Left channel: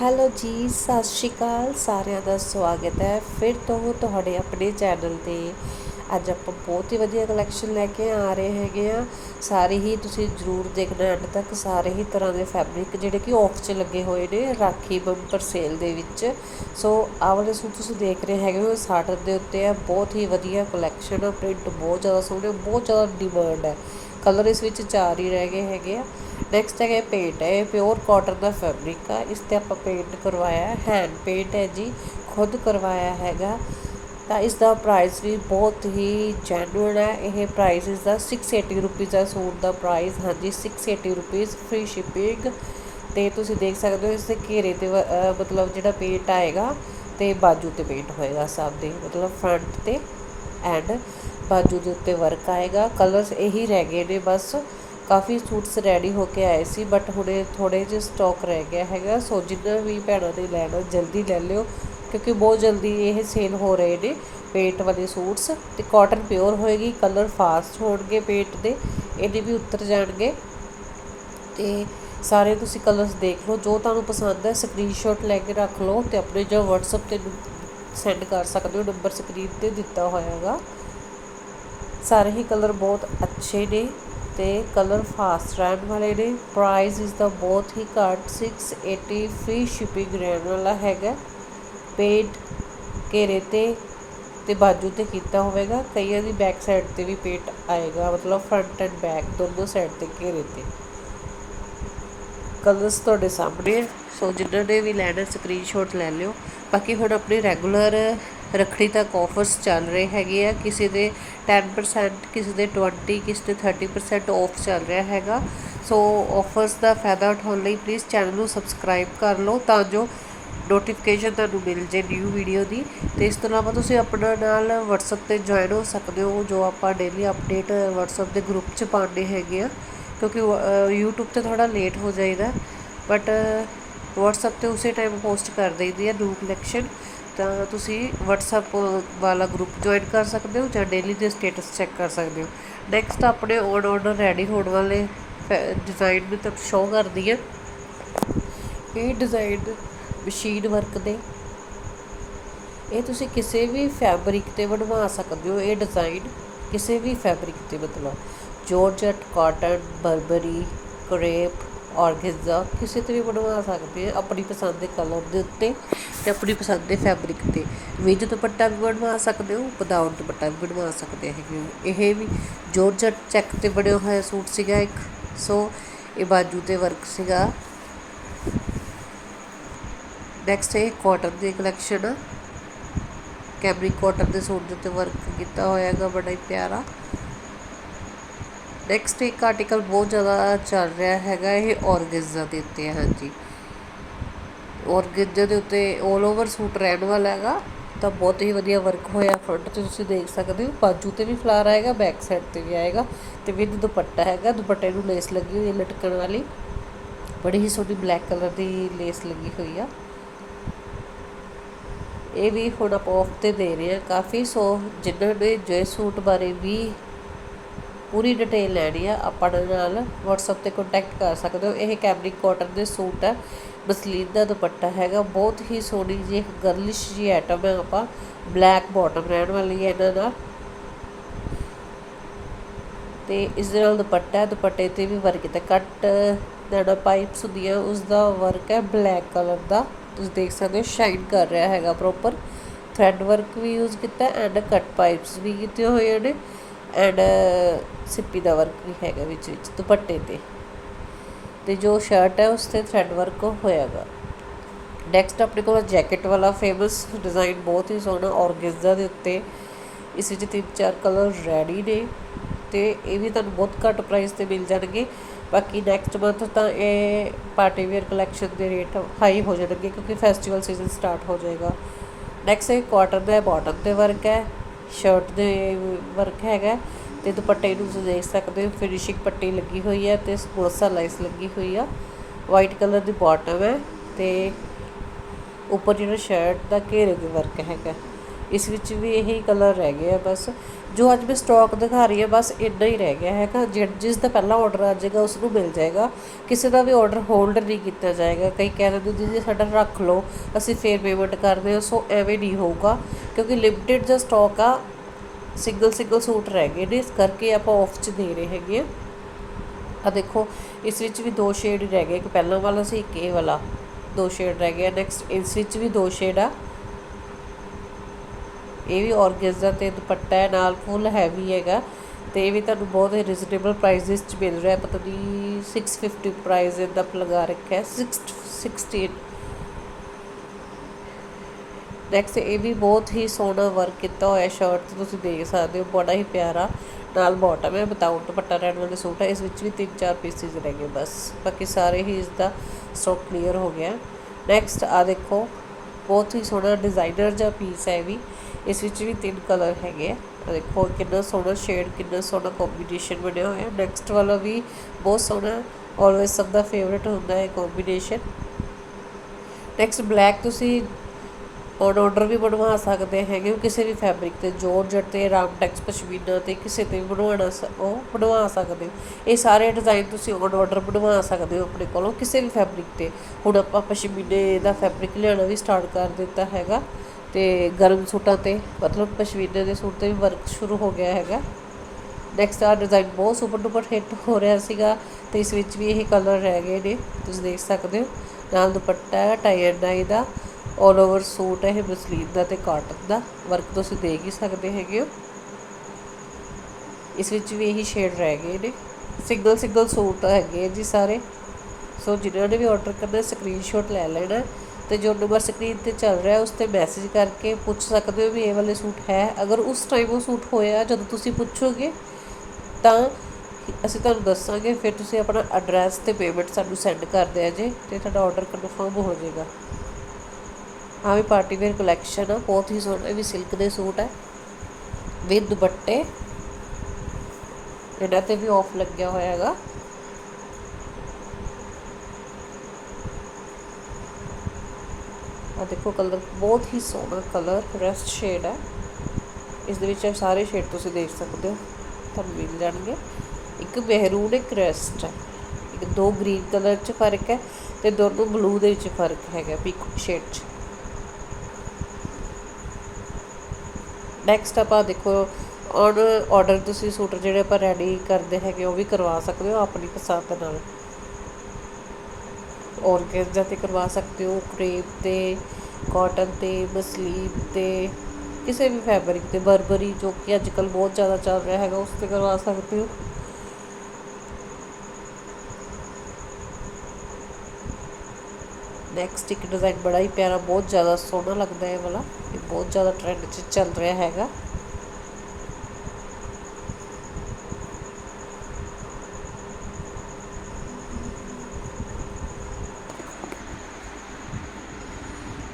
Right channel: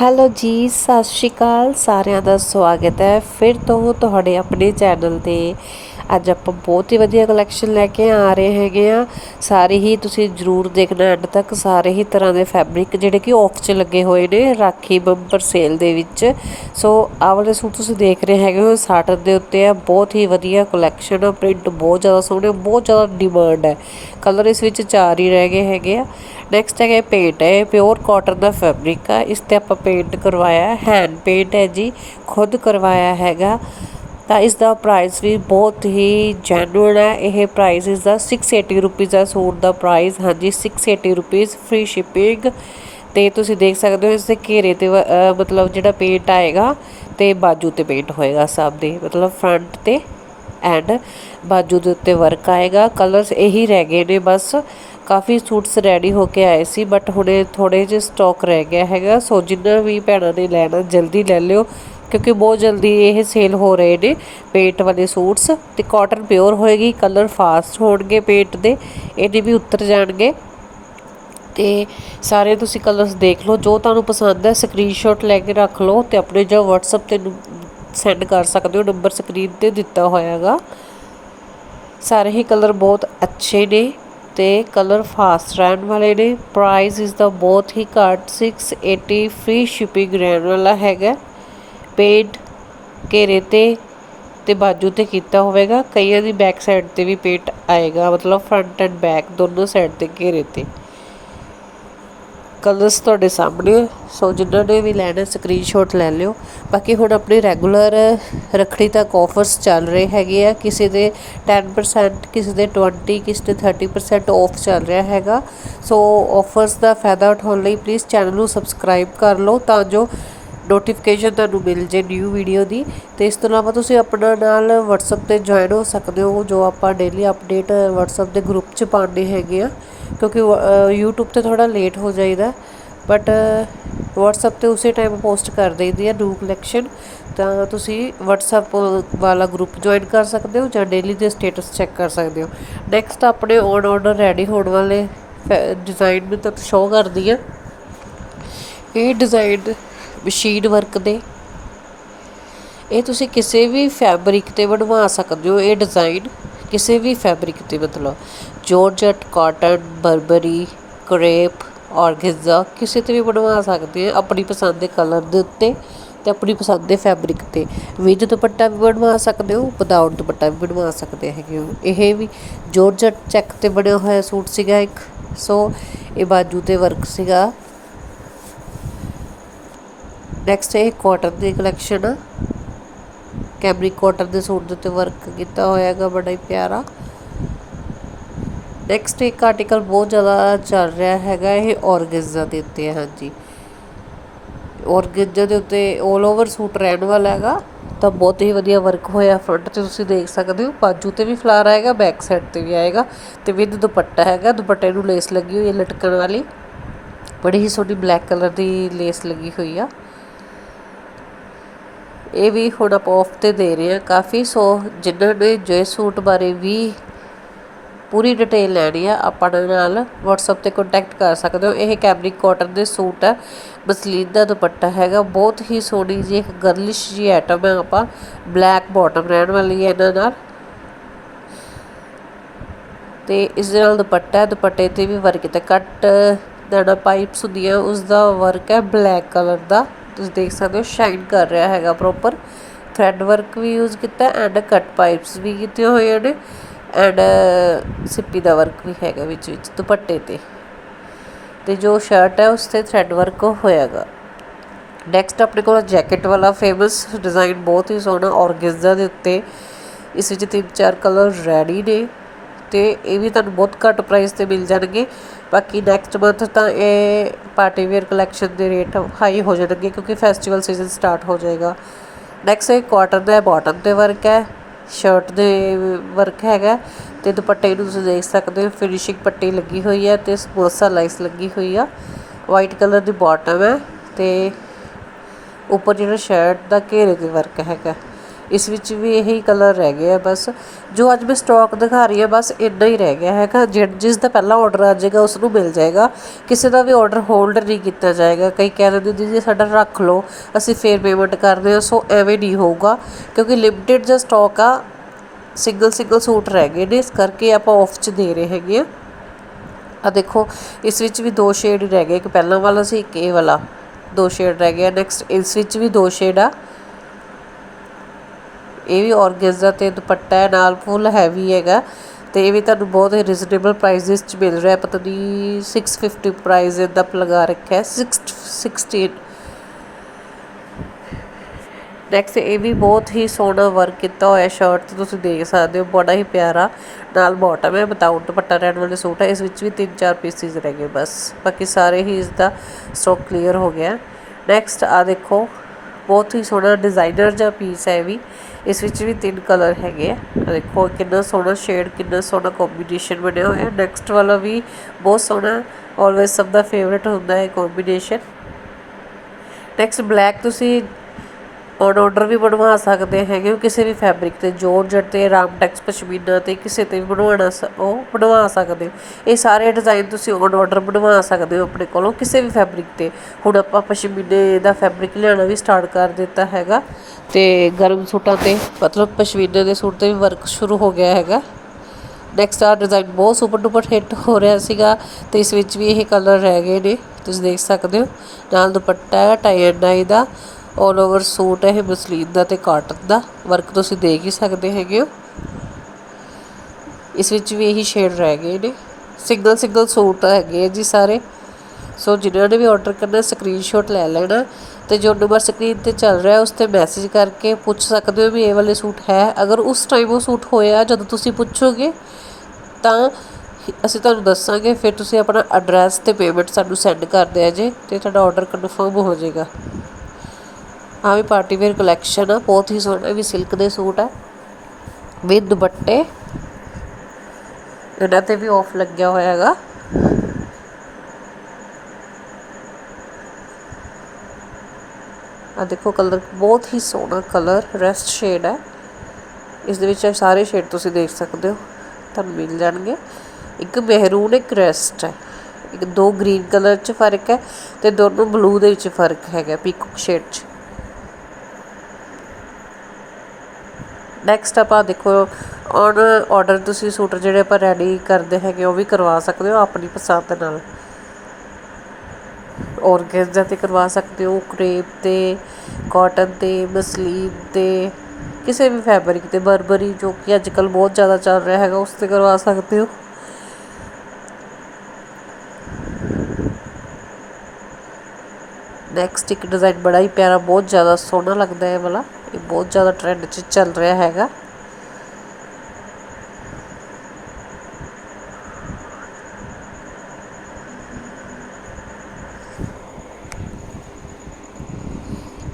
Hello ਜੀ, ਸਤਿ ਸ਼੍ਰੀ ਅਕਾਲ। ਸਾਰਿਆਂ ਦਾ ਸਵਾਗਤ ਹੈ। ਫਿਰ ਤੋਂ ਤੁਹਾਡੇ ਆਪਣੇ ਚੈਨਲ ਤੇ ਅੱਜ ਆਪਾਂ ਬਹੁਤ ਹੀ ਵਧੀਆ ਕਲੈਕਸ਼ਨ ਲੈ ਕੇ ਆ ਰਹੇ ਹੈਗੇ ਆ ਸਾਰੇ ਹੀ ਤੁਸੀਂ ਜਰੂਰ ਦੇਖਣਾ ਐਂਡ ਤੱਕ। ਸਾਰੇ ਹੀ ਤਰ੍ਹਾਂ ਦੇ ਫੈਬਰਿਕ ਜਿਹੜੇ ਕਿ ਆਫ 'ਚ ਲੱਗੇ ਹੋਏ ਨੇ, ਰਾਖੀ ਬੰਪਰ ਸੇਲ ਦੇ ਵਿੱਚ। ਸੋ ਆਹ ਵਾਲੇ ਸੂਟ ਤੁਸੀਂ ਦੇਖ ਰਹੇ ਹੈਗੇ ਹੋ। ਸਾਟਰ ਦੇ ਉੱਤੇ ਆ। ਬਹੁਤ ਹੀ ਵਧੀਆ ਕਲੈਕਸ਼ਨ ਆ। ਪ੍ਰਿੰਟ ਬਹੁਤ ਜ਼ਿਆਦਾ ਸੋਹਣੇ, ਬਹੁਤ ਜ਼ਿਆਦਾ ਡਿਮਾਂਡ ਹੈ। ਕਲਰ ਇਸ ਵਿੱਚ ਚਾਰ ਹੀ ਰਹਿ ਗਏ ਹੈਗੇ ਆ। ਨੈਕਸਟ ਹੈਗਾ ਪੇਂਟ ਹੈ ਪਿਓਰ ਕਾਟਨ ਦਾ ਫੈਬਰਿਕ ਆ, ਇਸ ਤੇ ਆਪਾਂ ਪੇਂਟ ਕਰਵਾਇਆ ਹੈਂਡ ਪੇਂਟ ਹੈ ਜੀ, ਖੁਦ ਕਰਵਾਇਆ ਹੈਗਾ। ਤਾਂ ਇਸ ਦਾ ਪ੍ਰਾਈਸ ਵੀ ਬਹੁਤ ਹੀ ਜੈਨੂਅਨ ਹੈ, ਇਹ ਪ੍ਰਾਈਸ ਇਸ ਦਾ 680 ਰੁਪਏ ਦਾ ਸੂਟ ਦਾ ਪ੍ਰਾਈਸ ਹਾਂਜੀ 680 ਰੁਪਏ ਫ੍ਰੀ ਸ਼ਿਪਿੰਗ ਤੇ ਤੁਸੀਂ ਦੇਖ ਸਕਦੇ ਹੋ, ਇਸ ਦੇ ਘੇਰੇ ਤੇ ਮਤਲਬ ਜਿਹੜਾ ਪੇਂਟ ਆਏਗਾ, ਤੇ ਬਾਜੂ ਤੇ ਪੇਂਟ ਹੋਏਗਾ ਸਭ ਦੇ, ਮਤਲਬ ਫਰੰਟ ਤੇ ਐਂਡ ਬਾਜੂ ਦੇ ਉੱਤੇ ਵਰਕ ਆਏਗਾ। ਕਲਰਸ ਇਹੀ ਰਹਿ ਗਏ ਨੇ ਬਸ। ਕਾਫੀ ਸੂਟਸ ਰੈਡੀ ਹੋ ਕੇ ਆਏ ਸੀ ਬਟ ਹੁਣੇ ਥੋੜੇ ਜਿਹਾ ਸਟਾਕ ਰਹਿ ਗਿਆ ਹੈਗਾ। ਸੋ ਜਿੰਨਾ ਵੀ ਭੈਣਾਂ ਨੇ ਲੈਣਾ, ਜਲਦੀ ਲੈ ਲਿਓ, ਕਿਉਂਕਿ ਬਹੁਤ ਜਲਦੀ ਇਹ ਸੇਲ ਹੋ ਰਹੇ ਨੇ ਪੇਟ ਵਾਲੇ ਸੂਟਸ। ਤੇ ਕਾਟਨ ਪਿਓਰ ਹੋਏਗੀ ਕਲਰ ਫਾਸਟ ਹੋਣਗੇ ਪੇਟ ਦੇ, ਇਹਦੇ ਵੀ ਉਤਰ ਜਾਣਗੇ। ਤੇ ਸਾਰੇ ਤੁਸੀਂ ਕਲਰਸ ਦੇਖ ਲਓ, ਜੋ ਤੁਹਾਨੂੰ ਪਸੰਦ ਹੈ ਸਕਰੀਨਸ਼ਾਟ ਲੈ ਕੇ ਰੱਖ ਲਓ ਤੇ ਆਪਣੇ ਜੋ WhatsApp ਤੇ ਸੈਂਡ ਕਰ ਸਕਦੇ ਹੋ ਨੰਬਰ ਸਕਰੀਨ ਤੇ ਦਿੱਤਾ ਹੋਇਆ ਹੈਗਾ। ਸਾਰੇ ਹੀ ਕਲਰ ਬਹੁਤ ਅੱਛੇ ਨੇ। ਤੇ ਕਲਰ ਫਾਸਟ ਰਹਿਣ ਵਾਲੇ ਨੇ। ਪ੍ਰਾਈਸ ਇਸ ਦਾ ਬਹੁਤ ਹੀ ਘੱਟ 680 ਫ੍ਰੀ ਸ਼ਿਪਿੰਗ ਰਹਿਣ ਵਾਲਾ ਹੈਗਾ। ਪੇਂਟ ਘੇਰੇ ਤੇ ਤੇ ਬਾਜੂ ਤੇ ਕੀਤਾ ਹੋਵੇਗਾ। ਕਈਆਂ ਦੀ ਬੈਕ ਸਾਈਡ ਤੇ ਵੀ ਪੇਂਟ ਆਏਗਾ। ਮਤਲਬ ਫਰੰਟ ਐਂਡ ਬੈਕ ਦੋਨੋਂ ਸਾਈਡ ਤੇ ਘੇਰੇ ਤੇ। ਕਲਰਸ ਤੁਹਾਡੇ ਸਾਹਮਣੇ ਸੋ ਜਿਨ੍ਹਾਂ ਨੇ ਵੀ ਲੈਣਾ ਸਕਰੀਨਸ਼ਾਟ ਲੈ ਲਿਓ। ਬਾਕੀ ਹੁਣ ਆਪਣੇ ਰੈਗੂਲਰ ਰੱਖੜੀ ਤੱਕ ਆਫਰਸ ਚੱਲ ਰਹੇ ਹੈਗੇ ਆ। ਕਿਸੇ ਦੇ 10% ਕਿਸੇ ਦੇ 20 ਕਿਸੇ ਦੇ 30% ਆਫ ਚੱਲ ਰਿਹਾ ਹੈਗਾ। ਸੋ ਆਫਰਸ ਦਾ ਫਾਇਦਾ ਉਠਾਉਣ ਲਈ ਪਲੀਜ਼ ਚੈਨਲ ਨੂੰ ਸਬਸਕ੍ਰਾਈਬ ਕਰ ਲਓ ਤਾਂ ਜੋ ਨੋਟੀਫਿਕੇਸ਼ਨ ਤੁਹਾਨੂੰ ਮਿਲ ਜੇ ਨਿਊ ਵੀਡੀਓ ਦੀ ਤੇ ਇਸ ਤੋਂ ਇਲਾਵਾ ਤੁਸੀਂ ਆਪਣਾ ਨਾਲ WhatsApp ਤੇ ਜੁਆਇਨ ਹੋ ਸਕਦੇ ਹੋ, ਜੋ ਆਪਾਂ ਡੇਲੀ ਅਪਡੇਟ WhatsApp ਦੇ ਗਰੁੱਪ 'ਚ ਪਾਉਂਦੇ ਹੈਗੇ ਆ, ਕਿਉਂਕਿ YouTube ਤੇ ਥੋੜਾ ਲੇਟ ਹੋ ਜਾਈਦਾ ਬਟ WhatsApp ਤੇ ਉਸੇ ਟਾਈਮ ਪੋਸਟ ਕਰ ਦਈਦੀ ਹੈ ਨਿਊ ਕਲੈਕਸ਼ਨ ਤਾਂ ਤੁਸੀਂ WhatsApp ਵਾਲਾ ਗਰੁੱਪ ਜੁਆਇਨ ਕਰ ਸਕਦੇ ਹੋ ਜਾਂ ਡੇਲੀ ਦੇ ਸਟੇਟਸ ਚੈੱਕ ਕਰ ਸਕਦੇ ਹੋ। ਨੈਕਸਟ ਆਪਣੇ ਔਨ ਆਰਡਰ ਰੈਡੀ ਹੋਣ ਵਾਲੇ ਡਿਜ਼ਾਈਨ ਨੂੰ ਤਾਂ ਸ਼ੋਅ ਕਰਦੀ ਹੈ ਇਹ ਡਿਜ਼ਾਈਨ ਮਸ਼ੀਨ ਵਰਕ ਦੇ। ਇਹ ਤੁਸੀਂ ਕਿਸੇ ਵੀ ਫੈਬਰਿਕ ਤੇ ਬਣਵਾ ਸਕਦੇ ਹੋ, ਇਹ ਡਿਜ਼ਾਈਨ ਕਿਸੇ ਵੀ ਫੈਬਰਿਕ ਤੇ ਮਤਲਬ georgette cotton burberry crepe organza ਕਿਸੇ ਤੇ ਵੀ ਬਣਵਾ ਸਕਦੇ ਆ ਆਪਣੀ ਪਸੰਦ ਦੇ ਕਲਰ ਦੇ ਉੱਤੇ ਤੇ ਆਪਣੀ ਪਸੰਦ ਦੇ ਫੈਬਰਿਕ ਤੇ। ਵਿਦ ਦੁਪੱਟਾ ਵੀ ਬਣਵਾ ਸਕਦੇ ਹੋ ਵਿਦਆਊਟ ਦੁਪੱਟਾ ਵੀ ਬਣਵਾ ਸਕਦੇ ਹੈਗੇ ਹੋ। ਇਹ ਵੀ ਜੋਰਜਟ ਚੈੱਕ ਤੇ ਬਣਿਆ ਹੋਇਆ ਸੂਟ ਸੀਗਾ ਇੱਕ। ਸੋ ਇਹ ਬਾਜੂ ਤੇ ਵਰਕ ਸੀਗਾ। ਨੈਕਸਟ ਇਹ ਕਾਟਨ ਦੀ ਕਲੈਕਸ਼ਨ ਆ। ਕੈਮਰਿਕ ਕਾਟਨ ਦੇ ਸੂਟ ਦੇ ਉੱਤੇ ਵਰਕ ਕੀਤਾ ਹੋਇਆ ਹੈਗਾ, ਬੜਾ ਹੀ ਪਿਆਰਾ। ਨੈਕਸਟ ਇੱਕ ਆਰਟੀਕਲ ਬਹੁਤ ਜ਼ਿਆਦਾ ਚੱਲ ਰਿਹਾ ਹੈਗਾ, ਇਹ ਔਰਗੈਂਜ਼ਾ ਦੇ ਉੱਤੇ ਹਾਂਜੀ। ਔਰਗੈਂਜ਼ਾ ਦੇ ਉੱਤੇ 올 ਓਵਰ ਸੂਟ ਰਹਿਣ ਵਾਲਾ ਹੈਗਾ, ਤਾਂ ਬਹੁਤ ਹੀ ਵਧੀਆ ਵਰਕ ਹੋਇਆ ਫਰੰਟ ਤੇ, ਤੁਸੀਂ ਦੇਖ ਸਕਦੇ ਹੋ। ਬਾਜੂ ਤੇ ਵੀ ਫਲਾਰ ਆਏਗਾ ਬੈਕ ਸਾਈਡ ਤੇ ਵੀ ਆਏਗਾ, ਤੇ ਵਿਦ ਦੁਪੱਟਾ ਹੈਗਾ, ਦੁਪੱਟੇ ਨੂੰ ਲੇਸ ਲੱਗੀ ਹੋਈ ਹੈ ਲਟਕਣ ਵਾਲੀ। ਬੜੀ ਹੀ ਸੋਹਣੀ ਬਲੈਕ ਕਲਰ ਦੀ ਲੇਸ ਲੱਗੀ ਹੋਈ ਆ। ਇਹ ਵੀ ਹੁਣ ਆਪਾਂ ਆਫ ਤੇ ਦੇ ਰਹੇ ਆ ਕਾਫੀ ਸੋ ਜਿਨ੍ਹਾਂ ਨੇ ਜੇ ਸੂਟ ਬਾਰੇ ਵੀ ਪੂਰੀ ਡਿਟੇਲ ਲੈਣੀ ਆ, ਆਪਾਂ ਨਾਲ WhatsApp ਤੇ ਕੰਟੈਕਟ ਕਰ ਸਕਦੇ ਹੋ। ਇਹ ਕੈਬਰਿਕ ਕਾਟਨ ਦੇ ਸੂਟ ਹੈ ਮਸਲੀਨ ਦਾ ਦੁਪੱਟਾ ਹੈਗਾ, ਬਹੁਤ ਹੀ ਸੋਹਣੀ ਜੀ ਇੱਕ ਗਰਲਿਸ਼ ਜੀ ਆਈਟਮ ਹੈ ਆਪਾਂ ਬਲੈਕ ਬਾਟਮ ਰਹਿਣ ਵਾਲੀ ਹੈ ਇਹਨਾਂ ਨਾਲ। ਤੇ ਇਸ ਦੇ ਨਾਲ ਦੁਪੱਟਾ ਹੈ ਦੁਪੱਟੇ ਤੇ ਵੀ ਵਰਕ ਕੀਤਾ ਕੱਟ ਜਿਹੜਾ ਪਾਈਪਸ ਹੁੰਦੀਆਂ ਉਸ ਦਾ ਵਰਕ ਹੈ ਬਲੈਕ ਕਲਰ ਦਾ। ਤੁਸੀਂ ਦੇਖ ਸਕਦੇ ਹੋ ਸ਼ਾਈਨ ਕਰ ਰਿਹਾ ਹੈਗਾ ਪ੍ਰੋਪਰ ਥ੍ਰੈਡ ਵਰਕ ਵੀ ਯੂਜ਼ ਕੀਤਾ ਐਂਡ ਕੱਟ ਪਾਈਪਸ ਵੀ ਕੀਤੇ ਹੋਏ ਨੇ। ਐਂਡ ਸਿੱਪੀ ਦਾ ਵਰਕ ਵੀ ਹੈਗਾ ਵਿੱਚ ਵਿੱਚ, ਦੁਪੱਟੇ ਤੇ। ਤੇ ਜੋ ਸ਼ਰਟ ਹੈ, ਉਸ ਤੇ ਥ੍ਰੈਡ ਵਰਕ ਹੋਇਆਗਾ। ਨੈਕਸਟ ਆਪਣੇ ਕੋਲ ਜੈਕਟ ਵਾਲਾ ਫੇਮਸ ਡਿਜ਼ਾਈਨ ਬਹੁਤ ਹੀ ਸੋਹਣਾ ਔਰਗੈਂਜ਼ਾ ਦੇ ਉੱਤੇ। ਇਸ ਵਿੱਚ ਤਿੰਨ ਚਾਰ ਕਲਰ ਰੈਡੀ ਨੇ। ਤੇ ਇਹ ਵੀ ਤੁਹਾਨੂੰ ਬਹੁਤ ਘੱਟ ਪ੍ਰਾਈਸ ਤੇ ਮਿਲ ਜਾਣਗੇ। ਬਾਕੀ ਨੈਕਸਟ ਮੰਥ ਤਾਂ ਇਹ ਪਾਰਟੀ ਵੇਅਰ ਕਲੈਕਸ਼ਨ ਦੇ ਰੇਟ ਹਾਈ ਹੋ ਜਾਣਗੇ ਕਿਉਂਕਿ ਫੈਸਟੀਵਲ ਸੀਜ਼ਨ ਸਟਾਰਟ ਹੋ ਜਾਏਗਾ। ਨੈਕਸਟ ਇਹ ਕਾਟਨ ਦਾ ਬਾਟਮ ਤੇ ਵਰਕ ਹੈ ਸ਼ਰਟ ਦੇ ਵਰਕ ਹੈਗਾ ਤੇ ਦੁਪੱਟੇ ਨੂੰ ਤੁਸੀਂ ਦੇਖ ਸਕਦੇ ਹੋ ਫਿਨਿਸ਼ਿੰਗ ਪੱਟੀ ਲੱਗੀ ਹੋਈ ਹੈ ਤੇ ਸਮੋਸਾ ਲਾਈਸ ਲੱਗੀ ਹੋਈ ਆ। ਵਾਈਟ ਕਲਰ ਦੀ ਬਾਟਮ ਹੈ ਤੇ ਉੱਪਰ ਜਿਹੜਾ ਸ਼ਰਟ ਦਾ ਘੇਰੇ ਦੇ ਵਰਕ ਹੈਗਾ। ਇਸ ਵਿੱਚ ਵੀ ਇਹੀ ਕਲਰ ਰਹਿ ਗਿਆ ਬਸ। ਜੋ ਅੱਜ ਮੈਂ ਸਟਾਕ ਦਿਖਾ ਰਹੀ ਹਾਂ, ਬਸ ਇੰਨਾ ਹੀ ਰਹਿ ਗਿਆ ਹੈਗਾ ਜਿ- ਜਿਸ ਦਾ ਪਹਿਲਾ ਆਰਡਰ ਆ ਜਾਏਗਾ ਉਸ ਨੂੰ ਮਿਲ ਜਾਏਗਾ। ਕਿਸੇ ਦਾ ਵੀ ਆਰਡਰ ਹੋਲਡ ਨਹੀਂ ਕੀਤਾ ਜਾਏਗਾ। ਕਈ ਕਹਿ ਦਿੰਦੇ, ਦੀਦੀ, ਸਾਡਾ ਰੱਖ ਲਓ। ਅਸੀਂ ਫੇਰ ਪੇਮੈਂਟ ਕਰਦੇ ਹਾਂ। ਸੋ ਐਵੇਂ ਨਹੀਂ ਹੋਊਗਾ, ਕਿਉਂਕਿ ਲਿਮਟਿਡ ਜਿਹਾ ਸਟਾਕ ਆ ਸਿੰਗਲ ਸਿੰਗਲ ਸੂਟ ਰਹਿ ਗਏ ਨੇ। ਇਸ ਕਰਕੇ ਆਪਾਂ ਆਫ 'ਚ ਦੇ ਰਹੇ ਹੈਗੇ ਆ। ਦੇਖੋ, ਇਸ ਵਿੱਚ ਵੀ ਦੋ ਸ਼ੇਡ ਰਹਿ ਗਏ। ਇੱਕ ਪਹਿਲਾਂ ਵਾਲਾ ਸੀ, ਇੱਕ ਇਹ ਵਾਲਾ। ਦੋ ਸ਼ੇਡ ਰਹਿ ਗਿਆ ਨੈਕਸਟ ਇਸ ਵਿੱਚ ਵੀ ਦੋ ਸ਼ੇਡ ਆ। ਇਹ ਵੀ ਔਰਗੈਜ਼ਾ ਤੇ ਦੁਪੱਟਾ ਹੈ, ਨਾਲ ਫੁੱਲ ਹੈਵੀ ਹੈਗਾ। ਤੇ ਇਹ ਵੀ ਤੁਹਾਨੂੰ ਬਹੁਤ ਹੀ ਰੀਜ਼ਨੇਬਲ ਪ੍ਰਾਈਸਿਸ ਚ ਮਿਲ ਰਿਹਾ ਪਤਾ ਨਹੀਂ 650 ਪ੍ਰਾਈਸ ਇਹਦਾ ਲਗਾ ਰੱਖਿਆ ਹੈ। 6 16 ਨੈਕਸਟ ਇਹ ਵੀ ਬਹੁਤ ਹੀ ਸੋਹਣਾ ਵਰਕ ਕੀਤਾ ਹੋਇਆ ਸ਼ਰਟ ਤੇ ਤੁਸੀਂ ਦੇਖ ਸਕਦੇ ਹੋ, ਬੜਾ ਹੀ ਪਿਆਰਾ। ਨਾਲ ਬਾਟਮ ਹੈ ਵਿਦਾਊਟ ਦੁਪੱਟਾ ਰਹਿਣ ਵਾਲੇ ਸੂਟ ਹੈ। ਇਸ ਵਿੱਚ ਵੀ ਤਿੰਨ ਚਾਰ ਪੀਸਿਸ ਰਹਿ ਗਏ ਬਸ। ਬਾਕੀ ਸਾਰੇ ਹੀ ਇਸ ਦਾ ਸਟਾਕ ਕਲੀਅਰ ਹੋ ਗਿਆ ਨੈਕਸਟ ਆ ਦੇਖੋ, ਬਹੁਤ ਹੀ ਸੋਹਣਾ ਡਿਜ਼ਾਈਨਰ ਜਿਹਾ ਪੀਸ ਹੈ ਇਹ ਵੀ। ਇਸ ਵਿੱਚ ਵੀ ਤਿੰਨ ਕਲਰ ਹੈਗੇ ਆ। ਦੇਖੋ ਕਿੰਨਾ ਸੋਹਣਾ ਸ਼ੇਡ ਕਿੰਨਾ ਸੋਹਣਾ ਕੰਬੀਨੇਸ਼ਨ ਬਣਿਆ ਹੋਇਆ। ਨੈਕਸਟ ਵਾਲਾ ਵੀ ਬਹੁਤ ਸੋਹਣਾ ਆਲਵੇਸ ਸਭ ਦਾ ਫੇਵਰਿਟ ਹੁੰਦਾ ਹੈ ਕੰਬੀਨੇਸ਼ਨ ਨੈਕਸਟ ਬਲੈਕ ਤੁਸੀਂ ਔਨ ਆਰਡਰ ਵੀ ਬਣਵਾ ਸਕਦੇ ਹੈਗੇ ਹੋ। ਕਿਸੇ ਵੀ ਫੈਬਰਿਕ ਤੇ ਜੋਰਜਟ ਤੇ ਰਾਮਟੈਕਸ ਪਸ਼ਮੀਨਾ ਤੇ, ਕਿਸੇ ਤੇ ਵੀ ਬਣਵਾਉਣਾ ਸ- ਉਹ ਬਣਵਾ ਸਕਦੇ ਹੋ। ਇਹ ਸਾਰੇ ਡਿਜ਼ਾਈਨ ਤੁਸੀਂ ਔਨ ਆਰਡਰ ਬਣਵਾ ਸਕਦੇ ਹੋ ਆਪਣੇ ਕੋਲੋਂ ਕਿਸੇ ਵੀ ਫੈਬਰਿਕ ਤੇ। ਹੁਣ ਆਪਾਂ ਪਸ਼ਮੀਨੇ ਦਾ ਫੈਬਰਿਕ ਲਿਆਉਣਾ ਵੀ ਸਟਾਰਟ ਕਰ ਦਿੱਤਾ ਹੈਗਾ। ਤੇ ਗਰਮ ਸੂਟਾਂ ਤੇ, ਮਤਲਬ ਪਸ਼ਮੀਨੇ ਦੇ ਸੂਟ ਤੇ ਵੀ ਵਰਕ ਸ਼ੁਰੂ ਹੋ ਗਿਆ ਹੈਗਾ। ਨੈਕਸਟ ਆ ਡਿਜ਼ਾਈਨ ਬਹੁਤ ਸੁਪਰ ਡੁਪਰ ਹਿੱਟ ਹੋ ਰਿਹਾ ਸੀਗਾ ਤੇ ਇਸ ਵਿੱਚ ਵੀ ਇਹ ਕਲਰ ਰਹਿ ਗਏ ਨੇ, ਤੁਸੀਂ ਦੇਖ ਸਕਦੇ ਹੋ। ਨਾਲ ਦੁਪੱਟਾ ਹੈ ਟਾਈ ਐਂਡ ਡਾਈ ਦਾ ਆਲ ਓਵਰ ਸੂਟ ਹੈ ਇਹ ਮਸਲੀਨ ਦਾ ਤੇ ਕਾਟਨ ਦਾ ਵਰਕ ਤੁਸੀਂ ਦੇਖ ਹੀ ਸਕਦੇ ਹੈਗੇ ਹੋ। ਇਸ ਵਿੱਚ ਵੀ ਇਹੀ ਸ਼ੇਡ ਰਹਿ ਗਏ ਨੇ ਸਿੰਗਲ ਸਿੰਗਲ ਸੂਟ ਹੈਗੇ ਆ ਜੀ ਸਾਰੇ। ਸੋ ਜਿਨ੍ਹਾਂ ਨੇ ਵੀ ਆਰਡਰ ਕਰਨਾ ਸਕਰੀਨਸ਼ਾਟ ਲੈ ਲੈਣਾ। ਤੇ ਜੋ ਨੰਬਰ ਸਕਰੀਨ ਤੇ ਚੱਲ ਰਿਹਾ ਉਸ ਤੇ ਮੈਸੇਜ ਕਰਕੇ ਪੁੱਛ ਸਕਦੇ ਹੋ ਵੀ ਇਹ ਵਾਲੇ ਸੂਟ ਹੈ। ਅਗਰ ਉਸ ਟਾਈਮ ਉਹ ਸੂਟ ਹੋਇਆ, ਜਦੋਂ ਤੁਸੀਂ ਪੁੱਛੋਗੇ, ਤਾਂ ਅਸੀਂ ਤੁਹਾਨੂੰ ਦੱਸਾਂਗੇ, ਫਿਰ ਤੁਸੀਂ ਆਪਣਾ ਐਡਰੈਸ ਤੇ ਪੇਮੈਂਟ ਸਾਨੂੰ ਸੈਂਡ ਕਰ ਦਿਆ ਜੇ, ਤੇ ਤੁਹਾਡਾ ਆਰਡਰ ਕਨਫਰਮ ਹੋ ਜਾਏਗਾ। ਆ ਵੀ ਪਾਰਟੀ ਵੇਅਰ ਕਲੈਕਸ਼ਨ ਆ, ਬਹੁਤ ਹੀ ਸੋਹਣਾ ਵੀ ਸਿਲਕ ਦੇ ਸੂਟ ਆ ਵਿਦ ਦੁਪੱਟੇ। ਇਹਨਾਂ ਤੇ ਵੀ ਆਫ ਲੱਗਿਆ ਹੋਇਆ ਹੈਗਾ। ਆ ਦੇਖੋ ਕਲਰ ਬਹੁਤ ਹੀ ਸੋਹਣਾ ਕਲਰ, ਰੈਸਟ ਸ਼ੇਡ ਹੈ। ਇਸ ਦੇ ਵਿੱਚ ਸਾਰੇ ਸ਼ੇਡ ਤੁਸੀਂ ਦੇਖ ਸਕਦੇ ਹੋ, ਤੁਹਾਨੂੰ ਮਿਲ ਜਾਣਗੇ। ਇੱਕ ਮਹਿਰੂਨ, ਇੱਕ ਰੈਸਟ ਹੈ। ਇੱਕ ਦੋ ਗ੍ਰੀਨ ਕਲਰ 'ਚ ਫ਼ਰਕ ਹੈ ਤੇ ਦੋਨੋਂ ਬਲੂ ਦੇ ਵਿੱਚ ਫ਼ਰਕ ਹੈਗਾ ਪੀਕੋਕ ਸ਼ੇਡ 'ਚ। ਨੈਕਸਟ ਆਪਾਂ ਦੇਖੋ ਔਨ ਆਰਡਰ ਤੁਸੀਂ ਸੂਟ ਜਿਹੜੇ ਆਪਾਂ ਰੈਡੀ ਕਰਦੇ ਹੈਗੇ ਉਹ ਵੀ ਕਰਵਾ ਸਕਦੇ ਹੋ ਆਪਣੀ ਪਸੰਦ ਨਾਲ। ਔਰਗੈਂਜ਼ਾ ਤੇ ਕਰਵਾ ਸਕਦੇ ਹੋ, ਕਰੇਪ ਤੇ ਕੋਟਨ ਤੇ ਮਸਲੀਨ ਤੇ ਕਿਸੇ ਵੀ ਫੈਬਰਿਕ ਤੇ ਬਰਬਰੀ ਜੋ ਕਿ ਅੱਜ ਕੱਲ੍ਹ ਬਹੁਤ ਜ਼ਿਆਦਾ ਚੱਲ ਰਿਹਾ ਹੈਗਾ, ਉਸ ਤੇ ਕਰਵਾ ਸਕਦੇ ਹੋ। ਨੈਕਸਟ ਇੱਕ ਡਿਜ਼ਾਈਨ ਬੜਾ ਹੀ ਪਿਆਰਾ, ਬਹੁਤ ਜ਼ਿਆਦਾ ਸੋਹਣਾ ਲੱਗਦਾ ਹੈ ਵਾਲਾ, ਇਹ ਬਹੁਤ ਜ਼ਿਆਦਾ ਟ੍ਰੈਂਡ 'ਚ ਚੱਲ ਰਿਹਾ ਹੈਗਾ।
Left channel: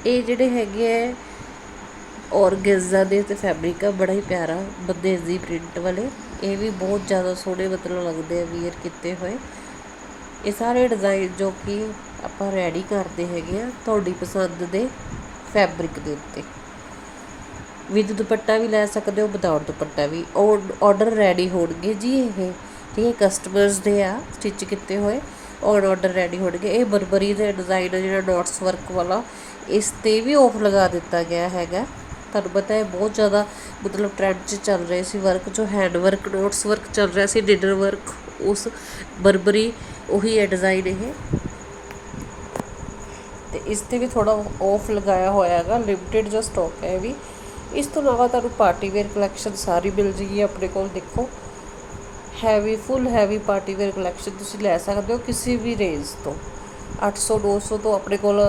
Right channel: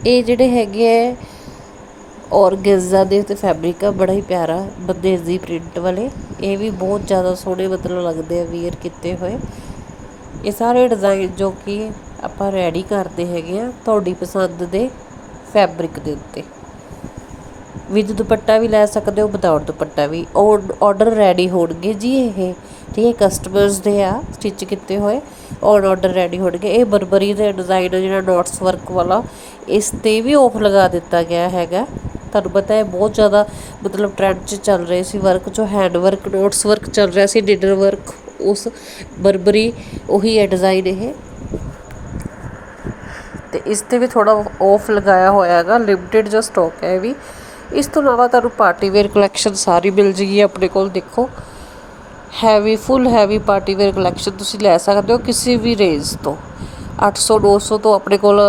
ਇਹ ਜਿਹੜੇ ਹੈਗੇ ਹੈ ਔਰਗੈਜ਼ਾ ਦੇ ਤੇ ਫੈਬਰਿਕ ਆ, ਬੜਾ ਹੀ ਪਿਆਰਾ, ਬੰਦੇਜ਼ੀ ਪ੍ਰਿੰਟ ਵਾਲੇ। ਇਹ ਵੀ ਬਹੁਤ ਜ਼ਿਆਦਾ ਸੋਹਣੇ ਮਤਲਬ ਲੱਗਦੇ ਆ ਵੀਅਰ ਕੀਤੇ ਹੋਏ। ਇਹ ਸਾਰੇ ਡਿਜ਼ਾਈਨ ਜੋ ਕਿ ਆਪਾਂ ਰੈਡੀ ਕਰਦੇ ਹੈਗੇ ਆ, ਤੁਹਾਡੀ ਪਸੰਦ ਦੇ ਫੈਬਰਿਕ ਦੇ ਉੱਤੇ। ਵਿਦ ਦੁਪੱਟਾ ਵੀ ਲੈ ਸਕਦੇ ਹੋ ਵਿਦਆਊਟ ਦੁਪੱਟਾ ਵੀ। ਆਰਡਰ ਰੈਡੀ ਹੋਣਗੇ ਜੀ ਇਹ, ਠੀਕ ਹੈ ਕਸਟਮਰਸ ਦੇ ਆ ਸਟਿਚ ਕੀਤੇ ਹੋਏ। ਔਰ ਆਰਡਰ ਰੈਡੀ ਹੋਣਗੇ। ਇਹ ਬਰਬਰੀ ਦੇ ਡਿਜ਼ਾਈਨ ਜਿਹੜਾ ਡਾਟਸ ਵਰਕ ਵਾਲਾ, ਇਸ ਤੇ ਵੀ ਆਫ ਲਗਾ ਦਿੱਤਾ ਗਿਆ ਹੈਗਾ। ਤੁਹਾਨੂੰ ਪਤਾ ਹੈ, ਬਹੁਤ ਜ਼ਿਆਦਾ ਮਤਲਬ ਟ੍ਰੈਂਡ 'ਚ ਚੱਲ ਰਹੇ ਸੀ ਵਰਕ ਜੋ ਹੈਂਡ ਵਰਕ ਡੋਟਸ ਵਰਕ ਚੱਲ ਰਿਹਾ ਸੀ ਡਿਨਰ ਵਰਕ ਉਸ ਬਰਬਰੀ ਉਹੀ ਹੈ ਡਿਜ਼ਾਈਨ ਇਹ। ਤੇ ਇਸ ਤੇ ਵੀ ਥੋੜਾ ਆਫ ਲਗਾਇਆ ਹੋਇਆ ਹੈਗਾ ਲਿਮਟਿਡ ਜਿਹਾ ਸਟਾਕ ਹੈ ਇਹ ਵੀ। ਇਸ ਤੋਂ ਇਲਾਵਾ ਤੁਹਾਨੂੰ ਪਾਰਟੀ ਵੇਅਰ ਕਲੈਕਸ਼ਨ ਸਾਰੀ ਮਿਲ ਜੇਗੀ, ਆਪਣੇ ਕੋਲ ਦੇਖੋ। Heavy full heavy party wear collection ਤੁਸੀਂ ਲੈ ਸਕਦੇ ਹੋ ਕਿਸੇ ਵੀ ਰੇਂਜ ਤੋਂ। 800 900 ਤੋਂ ਆਪਣੇ ਕੋਲ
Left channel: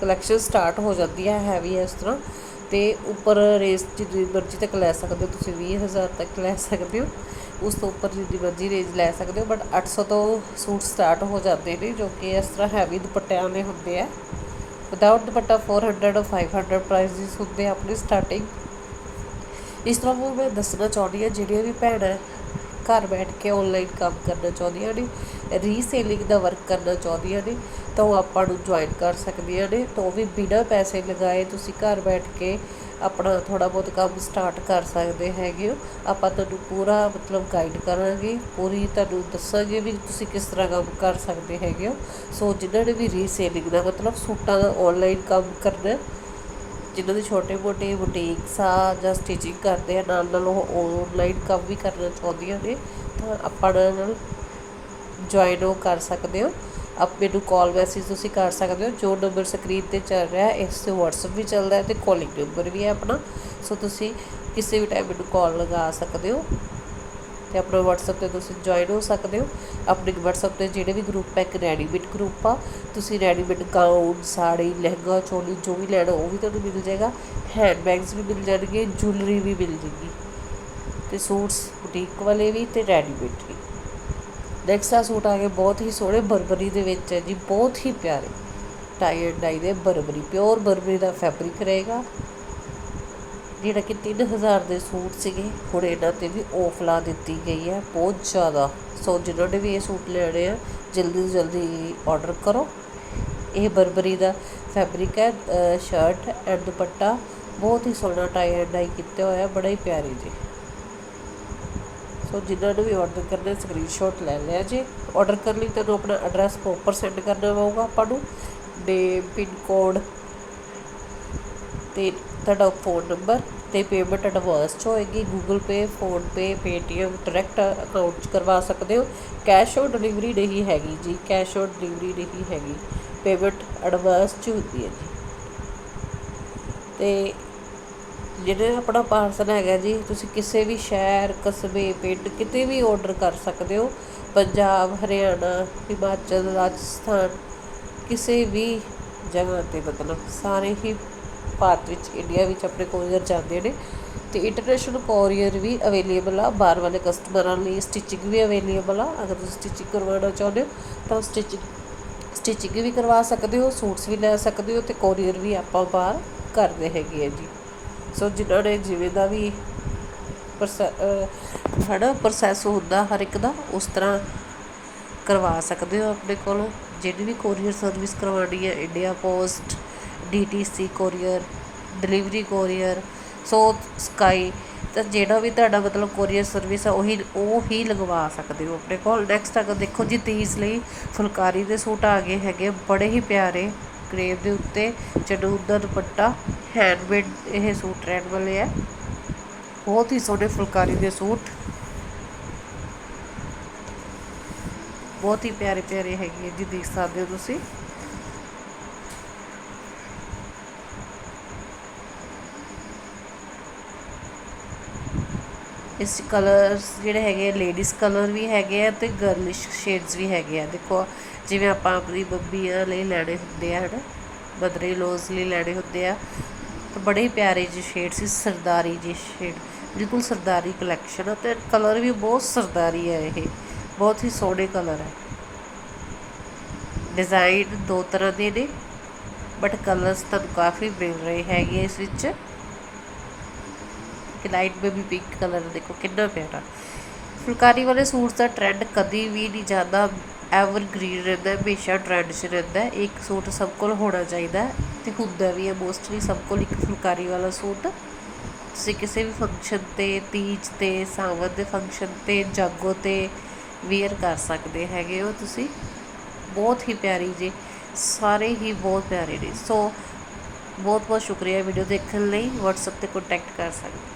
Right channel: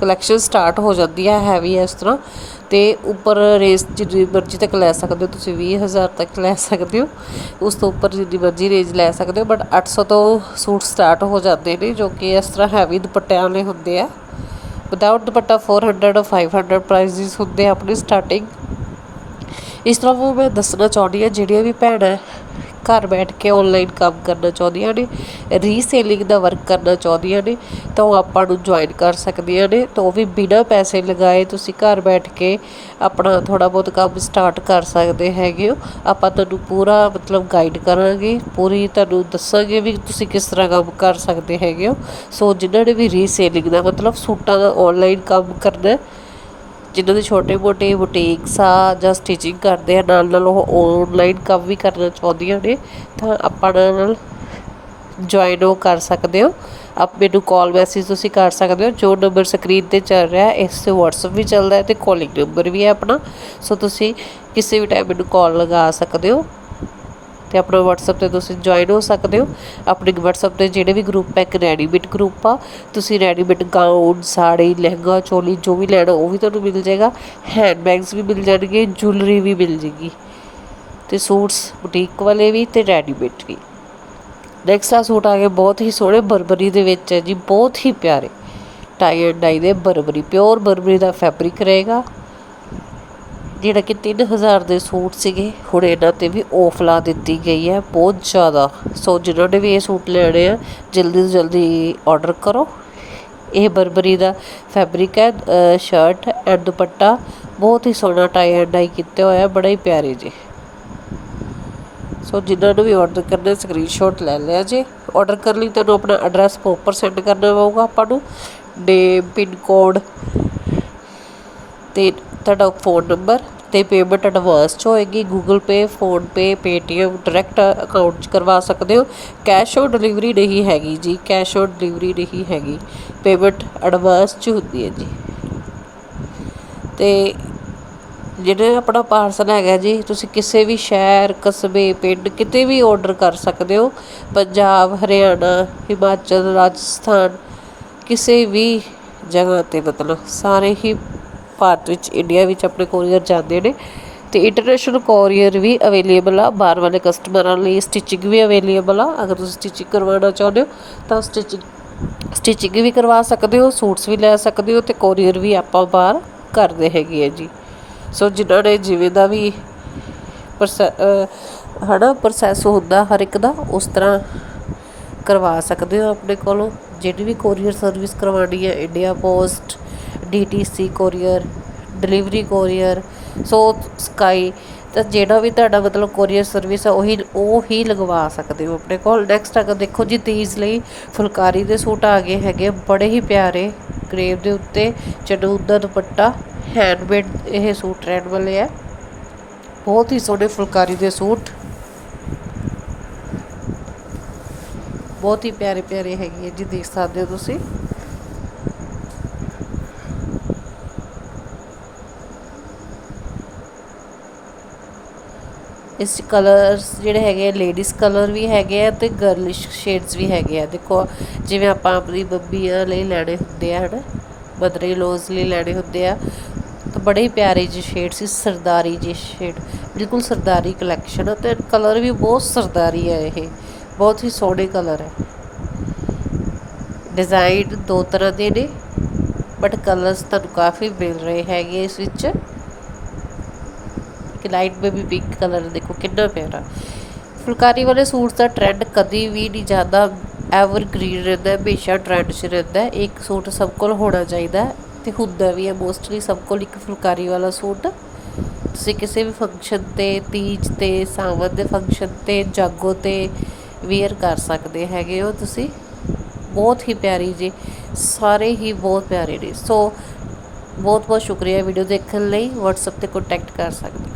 ਕਲੈਕਸ਼ਨ ਸਟਾਰਟ ਹੋ ਜਾਂਦੀ ਹੈ ਹੈਵੀ ਇਸ ਤਰ੍ਹਾਂ। ਤੇ ਉੱਪਰ ਰੇਂਜ ਜਿੰਨੀ ਮਰਜ਼ੀ ਤੱਕ ਲੈ ਸਕਦੇ ਹੋ, ਤੁਸੀਂ 20000 ਤੱਕ ਲੈ ਸਕਦੇ ਹੋ। ਉਸ ਤੋਂ ਉੱਪਰ ਜਿੰਨੀ ਮਰਜ਼ੀ ਰੇਂਜ ਲੈ ਸਕਦੇ ਹੋ ਬਟ 800 ਤੋਂ ਸੂਟ ਸਟਾਰਟ ਹੋ ਜਾਂਦੇ ਨੇ, ਜੋ ਕਿ ਇਸ ਤਰ੍ਹਾਂ ਹੈਵੀ ਦੁਪੱਟਿਆਂ ਵਾਲੇ ਹੁੰਦੇ ਆ। ਵਿਦਆਊਟ ਦੁਪੱਟਾ 400 500 ਪ੍ਰਾਈਸਿਸ ਹੁੰਦੇ ਆ ਆਪਣੀ ਸਟਾਰਟਿੰਗ ਇਸ ਤਰ੍ਹਾਂ ਉਹ ਮੈਂ ਦੱਸਣਾ ਚਾਹੁੰਦੀ ਹਾਂ, ਜਿਹੜੀਆਂ ਵੀ ਭੈਣਾਂ ਘਰ ਬੈਠ ਕੇ ਆਨਲਾਈਨ ਕੰਮ ਕਰਨਾ ਚਾਹੁੰਦੀਆਂ ਨੇ ਰੀਸੇਲਿੰਗ ਦਾ ਵਰਕ ਕਰਨਾ ਚਾਹੁੰਦੀਆਂ ਨੇ, ਤਾਂ ਉਹ ਆਪਾਂ ਨੂੰ ਜੁਆਇਨ ਕਰ ਸਕਦੀਆਂ ਨੇ, ਤਾਂ ਉਹ ਵੀ ਬਿਨਾਂ ਪੈਸੇ ਲਗਾਏ ਤੁਸੀਂ ਘਰ ਬੈਠ ਕੇ ਆਪਣਾ ਥੋੜਾ ਬਹੁਤ ਕੰਮ ਸਟਾਰਟ ਕਰ ਸਕਦੇ ਹੈਗੇ ਹੋ। ਆਪਾਂ ਤੁਹਾਨੂੰ ਪੂਰਾ ਮਤਲਬ ਗਾਈਡ ਕਰਾਂਗੇ, ਪੂਰੀ ਤੁਹਾਨੂੰ ਦੱਸਾਂਗੇ ਵੀ ਤੁਸੀਂ ਕਿਸ ਤਰ੍ਹਾਂ ਕੰਮ ਕਰ ਸਕਦੇ ਹੈਗੇ ਹੋ। ਸੋ ਜਿਨ੍ਹਾਂ ਨੇ ਵੀ ਰੀਸੇਲਿੰਗ ਦਾ ਮਤਲਬ ਸੂਟਾਂ ਦਾ ਆਨਲਾਈਨ ਕੰਮ ਕਰਨਾ ਜਿਨ੍ਹਾਂ ਦੇ ਛੋਟੇ ਮੋਟੇ ਬੁਟੀਕਸ ਆ ਜਾਂ ਸਟਿਚਿੰਗ ਕਰਦੇ ਆ, ਨਾਲ ਨਾਲ ਉਹ ਔਨਲਾਈਨ ਕੰਮ ਵੀ ਕਰਨਾ ਚਾਹੁੰਦੀਆਂ ਨੇ, ਤਾਂ ਆਪਾਂ ਨਾਲ ਜੁਆਇਨ ਉਹ ਕਰ ਸਕਦੇ ਹੋ। ਆਪ ਮੈਨੂੰ ਕਾਲ ਮੈਸੇਜ ਤੁਸੀਂ ਕਰ ਸਕਦੇ ਹੋ, ਜੋ ਨੰਬਰ ਸਕਰੀਨ ਤੇ ਚੱਲ ਰਿਹਾ, ਇਸ ਤੇ WhatsApp ਵੀ ਚੱਲਦਾ ਹੈ ਤੇ ਕਾਲਿੰਗ ਨੰਬਰ ਵੀ ਹੈ ਆਪਣਾ। ਸੋ ਤੁਸੀਂ ਕਿਸੇ ਵੀ ਟਾਈਮ ਮੈਨੂੰ ਕਾਲ ਲਗਾ ਸਕਦੇ ਹੋ। ਤੇ ਆਪਣਾ WhatsApp ਤੇ ਤੁਸੀਂ ਜੁਆਇਨ ਹੋ ਸਕਦੇ ਹੋ। ਆਪਣੇ WhatsApp ਤੇ ਜਿਹੜੇ ਵੀ ਗਰੁੱਪ ਹੈ, ਇੱਕ ਰੈਡੀਮੇਡ ਗਰੁੱਪ ਆ। ਤੁਸੀਂ ਰੈਡੀਮੇਡ ਗਾਊਨ ਸਾੜੀ, ਲਹਿੰਗਾ, ਚੋਲੀ, ਜੋ ਵੀ ਲੈਣਾ, ਉਹ ਵੀ ਤੁਹਾਨੂੰ ਮਿਲ ਜਾਏਗਾ। ਹੈਂਡ ਬੈਗਸ ਵੀ ਮਿਲ ਜਾਣਗੇ ਜੁਐਲਰੀ ਵੀ ਮਿਲ ਜੇਗੀ। ਤੇ ਸੂਟਸ ਬੁਟੀਕ ਵਾਲੇ ਵੀ ਤੇ ਰੈਡੀਮੇਡ ਵੀ। ਨੈਕਸਟ ਆ ਸੂਟ ਆ ਗਏ ਬਹੁਤ ਹੀ ਸੋਹਣੇ, ਬਰਬਰੀ ਦੇ ਵਿੱਚ ਹੈ ਜੀ, ਬਹੁਤ ਹੀ ਪਿਆਰੇ। ਟਾਈ ਐਂਡ ਡਾਈ ਦੇ ਬਰਬਰੀ ਪਿਓਰ ਬਰਬਰੀ ਦਾ ਫੈਬਰਿਕ ਰਹੇਗਾ। ਜਿਹੜਾ ਕਿ 3000 ਦੇ ਸੂਟ ਸੀਗੇ, ਹੁਣ ਇਹਨਾਂ ਤੇ ਵੀ ਆਫ ਲਾ ਦਿੱਤੀ ਗਈ ਹੈ, ਬਹੁਤ ਜ਼ਿਆਦਾ। ਸੋ ਜਿਨ੍ਹਾਂ ਨੇ ਵੀ ਇਹ ਸੂਟ ਲੈਣੇ ਆ, ਜਲਦੀ ਤੋਂ ਜਲਦੀ ਆਰਡਰ ਕਰੋ। ਇਹ ਬਰਬਰੀ ਦਾ ਫੈਬਰਿਕ ਹੈ ਸ਼ਰਟ ਐਂਡ ਦੁਪੱਟਾ। ਬਹੁਤ ਹੀ ਸੋਹਣਾ ਟਾਈ ਐਂਡ ਡਾਈ ਕੀਤਾ ਹੋਇਆ, ਬੜਾ ਹੀ ਪਿਆਰੇ ਜੀ। ਸੋ ਜਿਨ੍ਹਾਂ ਨੂੰ ਵੀ ਆਰਡਰ ਕਰਨਾ ਸਕਰੀਨਸ਼ਾਟ ਲੈ ਲਿਆ ਜੀ। ਆਰਡਰ ਕਰਨ ਲਈ ਤੁਹਾਨੂੰ ਆਪਣਾ ਐਡਰੈਸ ਪ੍ਰੋਪਰ ਸੈਂਡ ਕਰਨਾ ਪਊਗਾ ਆਪਾਂ ਨੂੰ। ਨੇਮ ਪਿਨ ਕੋਡ ਤੇ ਤੁਹਾਡਾ ਫੋਨ ਨੰਬਰ ਤੇ ਪੇਮੈਂਟ ਐਡਵਾਂਸ 'ਚ ਹੋਏਗੀ। Google Pay PhonePe Paytm direct account 'ਚ ਕਰਵਾ ਸਕਦੇ ਹੋ। ਕੈਸ਼ ਔਨ ਡਿਲੀਵਰੀ ਨਹੀਂ ਹੈਗੀ ਜੀ। ਕੈਸ਼ ਔਨ ਡਿਲੀਵਰੀ ਨਹੀਂ ਹੈਗੀ। ਪੇਮੈਂਟ ਐਡਵਾਂਸ 'ਚ ਹੁੰਦੀ ਹੈ ਜੀ। ਤੇ ਜਿਹੜੇ ਆਪਣਾ ਪਾਰਸਲ ਹੈਗਾ ਜੀ, ਤੁਸੀਂ ਕਿਸੇ ਵੀ ਸ਼ਹਿਰ, ਕਸਬੇ, ਪਿੰਡ ਕਿਤੇ ਵੀ ਆਰਡਰ ਕਰ ਸਕਦੇ ਹੋ। ਪੰਜਾਬ, ਹਰਿਆਣਾ, ਹਿਮਾਚਲ, ਰਾਜਸਥਾਨ, ਕਿਸੇ ਵੀ ਜਗ੍ਹਾ ਤੇ ਮਤਲਬ ਸਾਰੇ ਹੀ ਭਾਰਤ ਵਿੱਚ ਇੰਡੀਆ ਵਿੱਚ ਆਪਣੇ ਕੋਰੀਅਰ ਜਾਂਦੇ ਨੇ ਤੇ ਇੰਟਰਨੈਸ਼ਨਲ ਕੋਰੀਅਰ ਵੀ ਅਵੇਲੇਬਲ ਆ। ਬਾਹਰ ਵਾਲੇ ਕਸਟਮਰਾਂ ਲਈ ਸਟਿਚਿੰਗ ਵੀ ਅਵੇਲੇਬਲ ਆ। ਅਗਰ ਤੁਸੀਂ ਸਟਿਚਿੰਗ ਕਰਵਾਉਣਾ ਚਾਹੁੰਦੇ ਹੋ, ਤਾਂ ਸਟਿਚਿੰਗ ਸਟਿਚਿੰਗ ਵੀ ਕਰਵਾ ਸਕਦੇ ਹੋ, ਸੂਟਸ ਵੀ ਲੈ ਸਕਦੇ ਹੋ ਤੇ ਕੋਰੀਅਰ ਵੀ ਆਪਾਂ ਬਾਹਰ ਕਰਦੇ ਹੈਗੇ ਆ ਜੀ। ਸੋ ਜਿਨ੍ਹਾਂ ਨੇ ਜਿਵੇਂ ਦਾ ਵੀ ਹੜਾ ਪ੍ਰੋਸੈਸ ਹੁੰਦਾ ਹਰ ਇੱਕ ਦਾ, ਉਸ ਤਰ੍ਹਾਂ ਕਰਵਾ ਸਕਦੇ ਹੋ ਆਪਣੇ ਕੋਲੋਂ। ਜਿਹੜੀ ਵੀ ਕੋਰੀਅਰ ਸਰਵਿਸ ਕਰਵਾਉਣੀ ਹੈ India Post DTC courier delivery courier ਸੋ ਸਕਾਈ ਤਾਂ ਜਿਹੜਾ ਵੀ ਤੁਹਾਡਾ ਮਤਲਬ ਕੋਰੀਅਰ ਸਰਵਿਸ ਆ, ਉਹੀ, ਉਹ ਹੀ ਲਗਵਾ ਸਕਦੇ ਹੋ ਆਪਣੇ ਕੋਲ। ਨੈਕਸਟ ਅਗਰ ਦੇਖੋ ਜੀ, ਤੀਜ ਲਈ ਫੁਲਕਾਰੀ ਦੇ ਸੂਟ ਆ ਗਏ ਹੈਗੇ ਬੜੇ ਹੀ ਪਿਆਰੇ ਕਰੇਵ ਦੇ ਉੱਤੇ ਚਨੂਨ ਦਾ ਦੁਪੱਟਾ ਹੈਂਡਮੇਡ ਇਹ ਸੂਟ ਰਹਿਣ ਵਾਲੇ ਆ। ਬਹੁਤ ਹੀ ਸੋਹਣੇ ਫੁਲਕਾਰੀ ਦੇ ਸੂਟ। ਬਹੁਤ ਹੀ ਪਿਆਰੇ ਪਿਆਰੇ ਹੈਗੇ ਜੀ, ਦੇਖ ਸਕਦੇ ਹੋ ਤੁਸੀਂ। ਇਸ 'ਚ ਕਲਰਸ ਜਿਹੜੇ ਹੈਗੇ ਲੇਡੀਜ਼ ਕਲਰ ਵੀ ਹੈਗੇ ਆ ਤੇ ਗਰਲਿਸ਼ ਸ਼ੇਡਸ ਵੀ ਹੈਗੇ ਆ। ਦੇਖੋ, ਜਿਵੇਂ ਆਪਾਂ ਆਪਣੀ ਬੱਬੀਆਂ ਲਈ ਲੈਣੇ ਹੁੰਦੇ ਆ, ਹਨਾ? ਬਦਰੇ ਲੋਜ਼ ਲਈ ਲੈਣੇ ਹੁੰਦੇ ਆ। ਤਾਂ ਬੜੇ ਹੀ ਪਿਆਰੇ ਜਿਹੇ ਸ਼ੇਡ ਸੀ, ਸਰਦਾਰੀ ਜਿਹੇ ਸ਼ੇਡ ਬਿਲਕੁਲ ਸਰਦਾਰੀ ਕਲੈਕਸ਼ਨ ਤੇ ਕਲਰ ਵੀ ਬਹੁਤ ਸਰਦਾਰੀ ਹੈ ਇਹ। ਬਹੁਤ ਹੀ ਸੋਹਣੇ ਕਲਰ ਹੈ ਡਿਜ਼ਾਈਨ ਦੋ ਤਰ੍ਹਾਂ ਦੇ ਨੇ ਬਟ ਕਲਰਸ ਤੁਹਾਨੂੰ ਕਾਫੀ ਮਿਲ ਰਹੇ ਹੈਗੇ ਇਸ ਵਿੱਚ। ਕਿ ਲਾਈਟ ਬੇਬੀ ਪਿੰਕ ਕਲਰ ਦੇਖੋ ਕਿੰਨਾ ਪਿਆਰਾ। ਫੁਲਕਾਰੀ ਵਾਲੇ ਸੂਟਸ ਦਾ ਟ੍ਰੈਂਡ ਕਦੀ ਵੀ ਨਹੀਂ ਜਾਂਦਾ ਐਵਰ ਗ੍ਰੀਨ ਰਹਿੰਦਾ, ਹਮੇਸ਼ਾ ਟ੍ਰੈਂਡ 'ਚ ਰਹਿੰਦਾ। ਇੱਕ ਸੂਟ ਸਭ ਕੋਲ ਹੋਣਾ ਚਾਹੀਦਾ ਤੇ ਹੁੰਦਾ ਵੀ ਹੈ ਮੋਸਟਲੀ ਸਭ ਕੋਲ ਇੱਕ ਫੁਲਕਾਰੀ ਵਾਲਾ ਸੂਟ। ਤੁਸੀਂ ਕਿਸੇ ਵੀ ਫੰਕਸ਼ਨ ਤੇ, ਤੀਜ ਤੇ ਸਾਵਨ ਦੇ ਫੰਕਸ਼ਨ ਤੇ, ਜਾਗੋ ਤੇ ਵੇਅਰ ਕਰ ਸਕਦੇ ਹੈਗੇ ਹੋ ਤੁਸੀਂ। ਬਹੁਤ ਹੀ ਪਿਆਰੀ ਜੀ, ਸਾਰੇ ਹੀ ਬਹੁਤ ਪਿਆਰੇ ਨੇ। ਸੋ ਬਹੁਤ ਬਹੁਤ ਸ਼ੁਕਰੀਆ ਵੀਡੀਓ ਦੇਖਣ ਲਈ। WhatsApp ਤੇ ਕੰਟੈਕਟ ਕਰ ਸਕਦੇ